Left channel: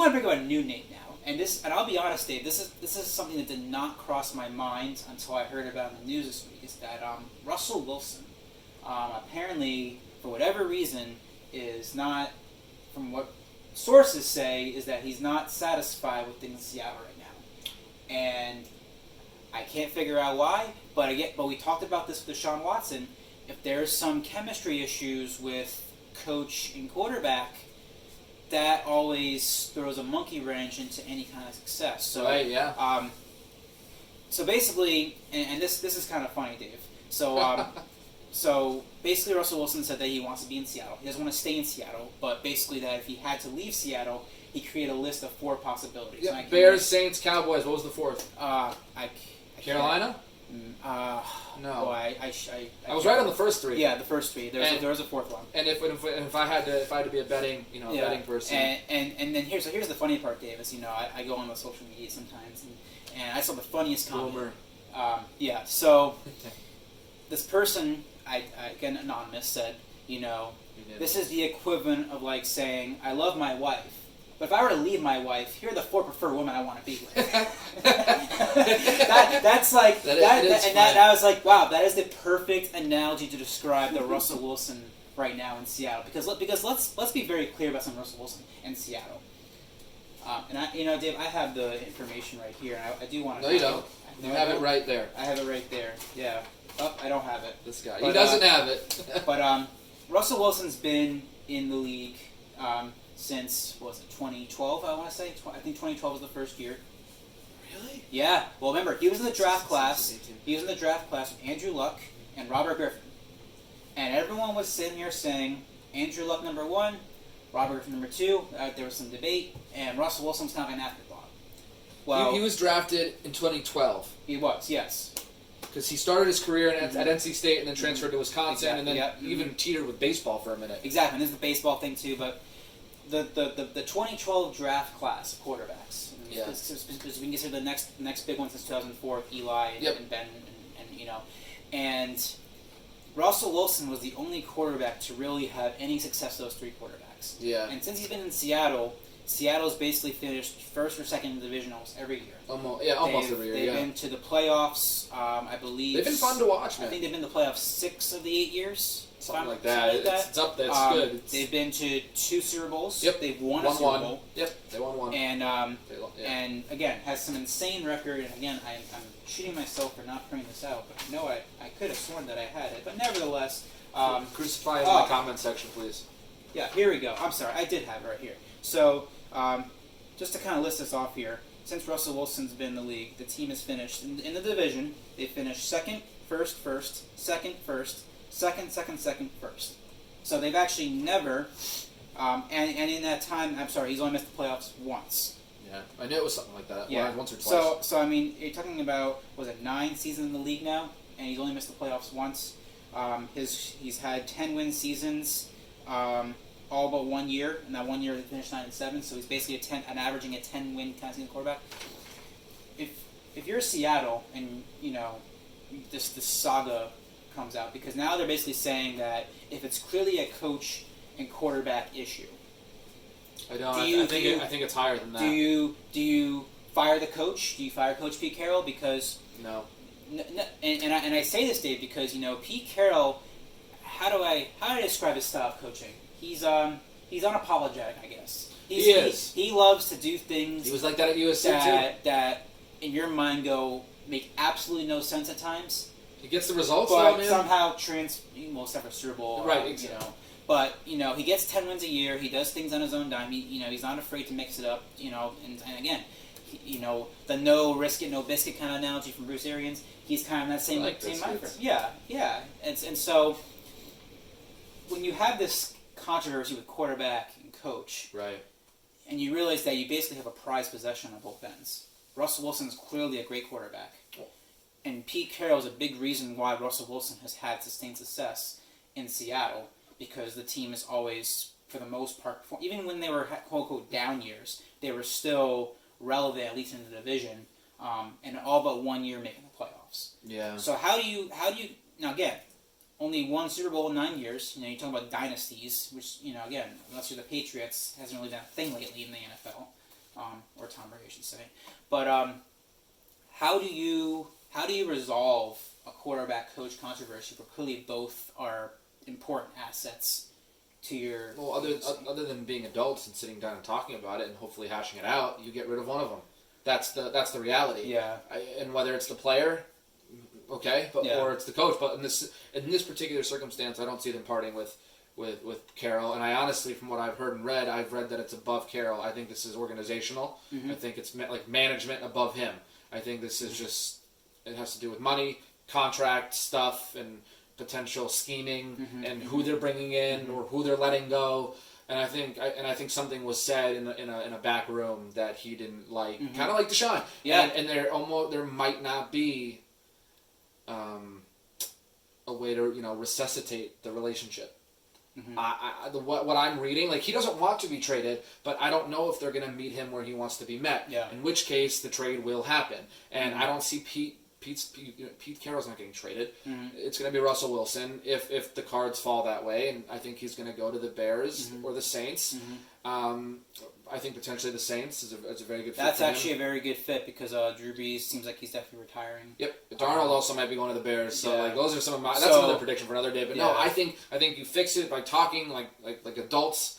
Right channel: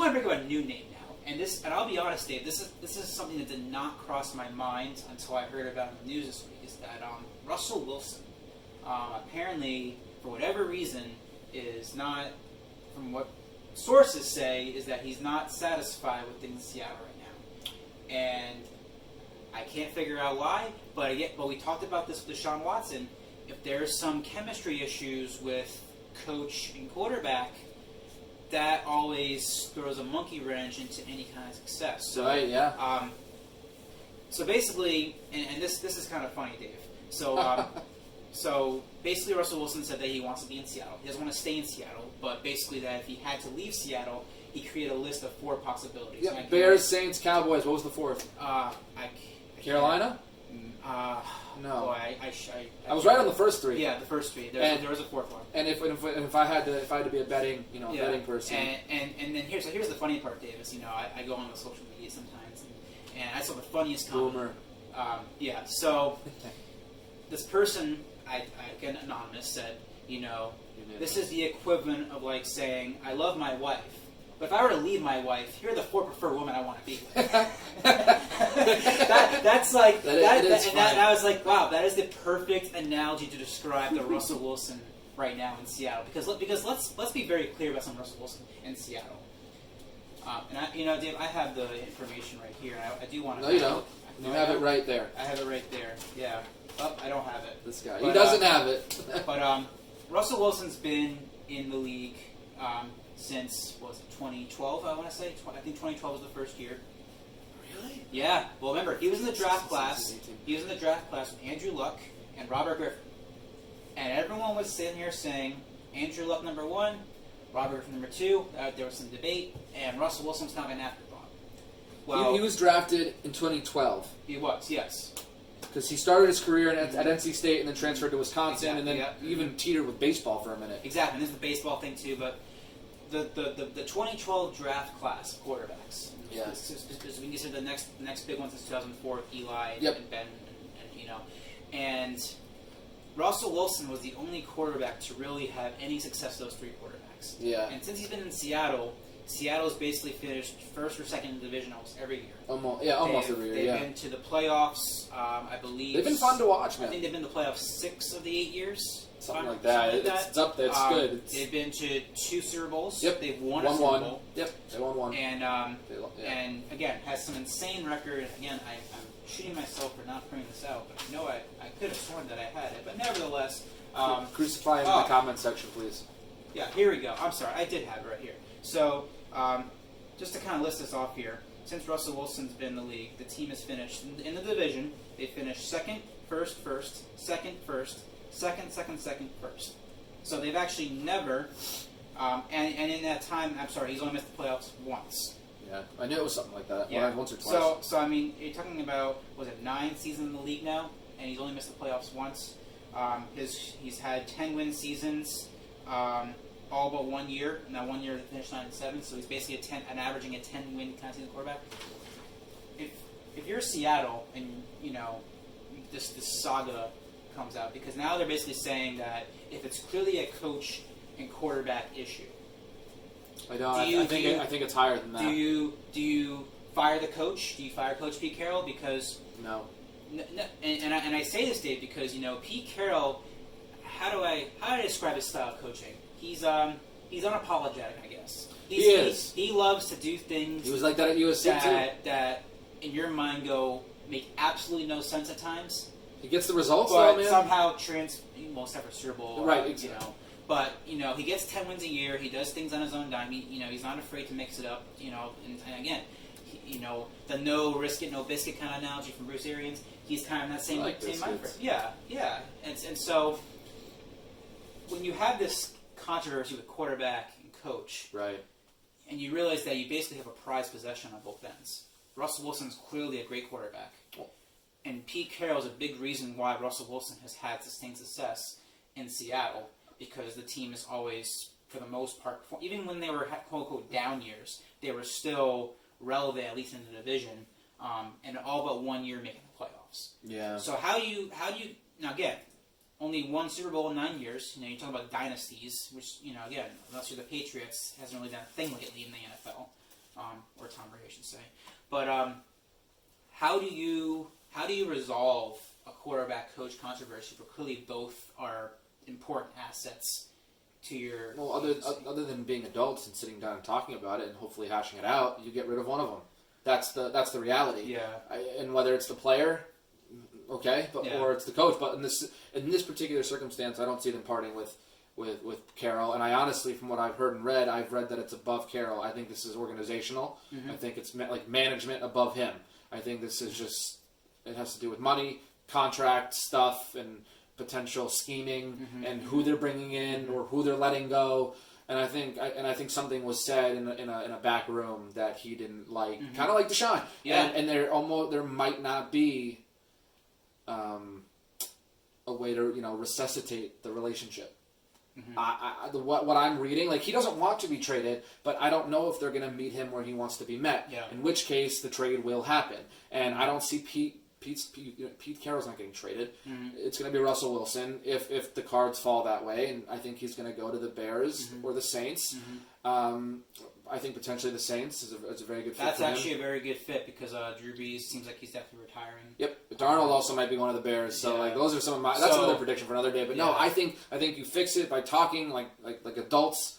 want to bring up a new name now, and I'll be honest, Dave. This is something that did not cross my mind until I heard about it in the news this week. Is that Russell Wilson, apparently for whatever reason, is not, from what sources say, is that he's not satisfied with things in Seattle right now, and I can't figure out why. But we talked about this with Deshaun Watson. If there's some chemistry issues with coach and quarterback, that always throws a monkey wrench into any kind of success. So, right, yeah. So basically, and this is kind of funny, Dave. So, so basically, Russell Wilson said that he wants to be in Seattle. He doesn't want to stay in Seattle, but basically that if he had to leave Seattle, he created a list of 4 possibilities. Yeah, Bears, Saints, Cowboys. What was the 4th? Carolina? No. Oh, I was right on the first 3. Yeah, the first 3. There was a 4th one. And if I had to be a betting betting person. And then here's the funny part, Dave, is I go on the social media sometimes and I saw the funniest comment. Boomer. So this person, again anonymous, said, this is the equivalent of like saying, I love my wife, but if I were to leave my wife, here are the 4 preferred women I want to be with. That's like that was like, wow, that is the perfect analogy to describe the Russell Wilson right now in Seattle. Because let's be very clear about some Russell Wilson in Seattle. And Dave, I have the information right here, and I do want to. No, you don't. You have it right there. I have it right there. Yeah. Oh, I don't have it. This guy. He doesn't have it. But Russell Wilson's been in the league since, what was it, 2012, I want to say? I think 2012 was the first year. Really? Yeah. Well, remember, he was in the draft class. He was in the draft class with Andrew Luck and Robert Griffin. And everyone was sitting here saying, Andrew Luck number 1, Robert Griffin number 2. There was some debate, and Russell Wilson's kind of an afterthought. Well, he was drafted in 2012. He was, yes. Because he started his career at NC State and then transferred to Wisconsin, exactly, and then even teetered with baseball for a minute. Exactly, and this is the baseball thing too, but the 2012 draft class of quarterbacks. Yeah. Because we can consider the next big one since 2004, Eli and Ben, and Russell Wilson was the only quarterback to really have any success with those 3 quarterbacks. Yeah. And since he's been in Seattle's basically finished first or second in the division almost every year. Almost every year. They've been to the playoffs. I believe they've been fun to watch, man. I think they've been to the playoffs 6 of the 8 years. Something like that. It's up there. It's good. They've been to 2 Super Bowls. Yep. They've won a Super Bowl. Yep. They won 1. And again, has some insane record. And again, I'm shooting myself for not printing this out, but I could have sworn that I had it. But nevertheless, crucify it in the comment section, please. Yeah. Here we go. I'm sorry. I did have it right here. So. Just to kind of list this off here, since Russell Wilson's been in the league, the team has finished in the division. They finished second, first, second, first, second, first. So they've actually never, and in that time, I'm sorry, he's only missed the playoffs once. Yeah, I knew it was something like that. Yeah, once or twice. So I mean, you're talking about, was it 9 seasons in the league now, and he's only missed the playoffs once. He's had 10-win seasons. All but 1 year, and that 1 year they finished 9-7, so he's basically averaging a 10-win kind of season quarterback. If you're Seattle and this saga comes out, because now they're basically saying that if it's clearly a coach and quarterback issue, I think it's higher than that. Do you fire the coach? Do you fire Coach Pete Carroll? Because no. And I say this, Dave, because Pete Carroll. How do I describe his style of coaching? He's unapologetic, I guess. He is. He loves to do things. He was like that at USC that in your mind make absolutely no sense at times. He gets the results, but though, man. somehow except for Super Bowl, right? Exactly. But he gets 10 wins a year. He does things on his own dime. He's not afraid to mix it up. And again, the no risk it, no biscuit kind of analogy from Bruce Arians. He's kind of that same mind frame. Yeah. And so when you have this controversy with quarterback and coach, right, and you realize that you basically have a prized possession on both ends. Russell Wilson is clearly a great quarterback, and Pete Carroll is a big reason why Russell Wilson has had sustained success in Seattle, because the team is always, for the most part, even when they were quote unquote down years, they were still relevant, at least in the division, and all but 1 year making the playoffs. Yeah. So how do you now again? Only 1 Super Bowl in 9 years. You talk about dynasties, which, again, unless you're the Patriots, hasn't really been a thing lately in the NFL. or Tom Brady, I should say. But how do you resolve a quarterback coach controversy? Where clearly both are important assets to your. Well, other than being adults and sitting down and talking about it and hopefully hashing it out, you get rid of one of them. That's the reality. Yeah. And whether it's the player, okay, but Yeah. or it's the coach, but in this particular circumstance, I don't see them parting with Carroll. And I honestly, from what I've heard and read, I've read that it's above Carroll. I think this is organizational. Mm-hmm. I think it's like management above him. I think this is just, it has to do with money, contract stuff, and potential scheming, and who they're bringing in or who they're letting go. And I think something was said in a back room that he didn't like, kind of like Deshaun. Yeah. And there might not be a way to resuscitate the relationship. What I'm reading, like, he doesn't want to be traded, but I don't know if they're going to meet him where he wants to be met. Yeah. In which case, the trade will happen. And I don't see Pete Carroll's not getting traded. It's going to be Russell Wilson if the cards fall that way, and I think he's going to go to the Bears or the Saints. I think potentially the Saints is a very good fit. That's for actually him. a very good fit because Drew Brees seems like he's definitely retiring. Yep, Darnold also might be going to the Bears. So Yeah. like those are some of my. That's another prediction for another day. But no, Yeah. I think you fix it by talking like adults.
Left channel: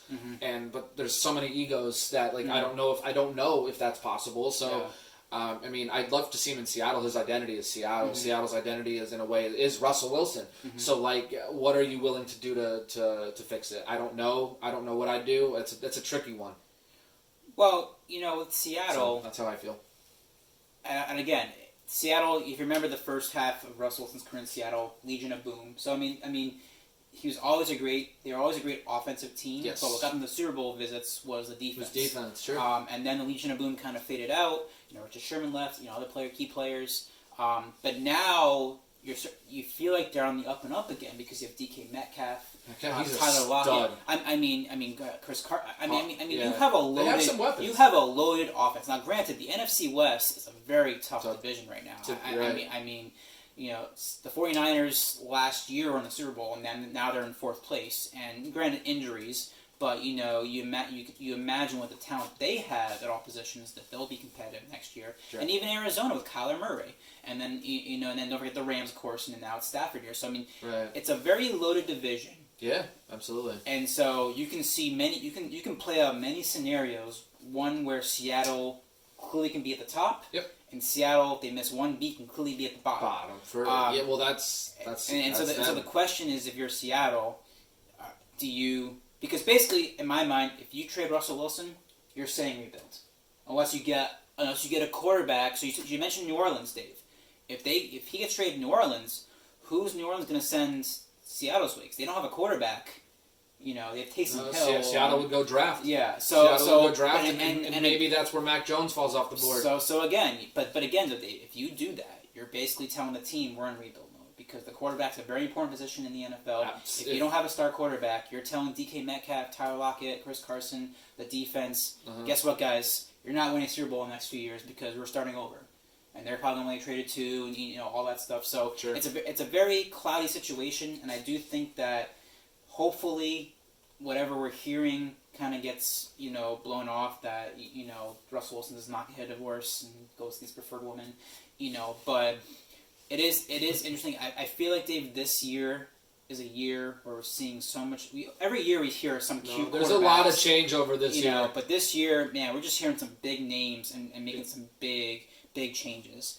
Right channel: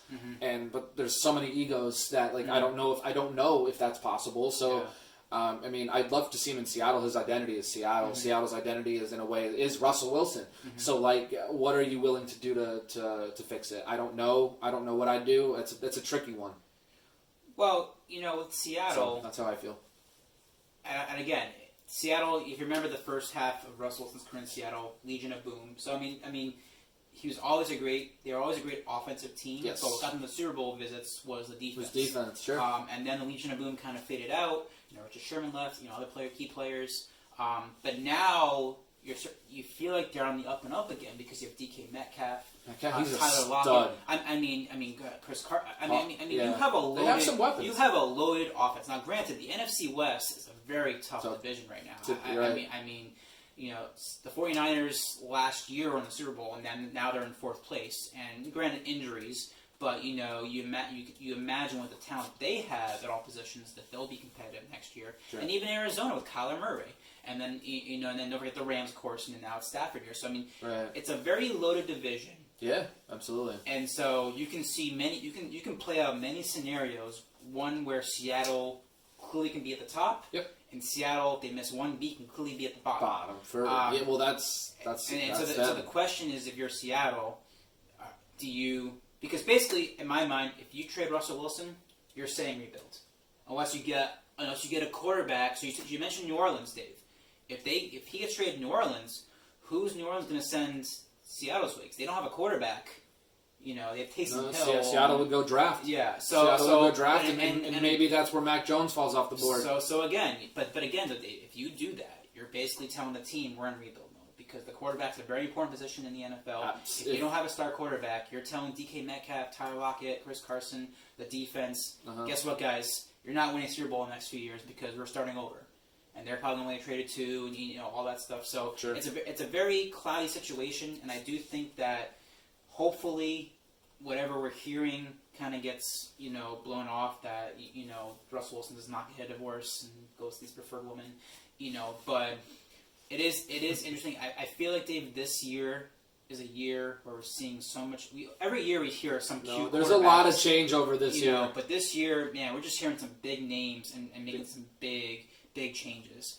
But there's so many egos that like I don't know if that's possible. So. Yeah. I mean, I'd love to see him in Seattle. His identity is Seattle. Seattle's identity is, in a way, is Russell Wilson. So, like, what are you willing to do to fix it? I don't know. I don't know what I'd do. It's a tricky one. Well, with Seattle, So that's how I feel. and again, Seattle. If you remember the first half of Russell Wilson's career in Seattle, Legion of Boom. So I mean, they were always a great offensive team. Yes. So what got them the Super Bowl visits was the defense. It was defense, sure. And then the Legion of Boom kind of faded out. Richard Sherman left. Other key players. But now you feel like they're on the up and up again because you have DK Metcalf, He's Tyler a Lockett. stud. I mean, Chris Carter. Yeah. You have a loaded. They have some weapons. You have a loaded offense. Now, granted, the NFC West is a very tough division right now. Right. I mean, the 49ers last year were in the Super Bowl, and then now they're in fourth place. And granted, injuries. But you imagine with the talent they have at all positions that they'll be competitive next year, and even Arizona with Kyler Murray, and then and then don't forget the Rams, of course, and then now it's Stafford here. So I mean, It's a very loaded division. Yeah, absolutely. And so you can see you can play out many scenarios. One where Seattle clearly can be at the top. Yep. And Seattle, if they miss one beat, can clearly be at the bottom. Well, that's so the question is, if you're Seattle, do you? Because basically, in my mind, if you trade Russell Wilson, you're saying rebuild, unless you get a quarterback. So you mentioned New Orleans, Dave. If he gets traded to New Orleans, who's New Orleans going to send Seattle's way? Because they don't have a quarterback. They have Taysom Hill. Seattle would go draft. Yeah, Seattle would go draft, and maybe that's where Mac Jones falls off the board. So again, but again, if you do that, you're basically telling the team we're in rebuild mode. Because the quarterback's a very important position in the NFL. If you don't have a star quarterback, you're telling DK Metcalf, Tyler Lockett, Chris Carson, the defense, guess what, guys? You're not winning a Super Bowl in the next few years because we're starting over. And they're probably going to get traded to, and all that stuff. So it's a very cloudy situation, and I do think that hopefully whatever we're hearing kind of gets, blown off, that, Russell Wilson does not get a divorce and goes to his preferred woman, but... It is interesting. I feel like, Dave, this year is a year where we're seeing so much. Every year we hear some cute. There's a lot of change over this year. But this year, man, we're just hearing some big names and making some big changes.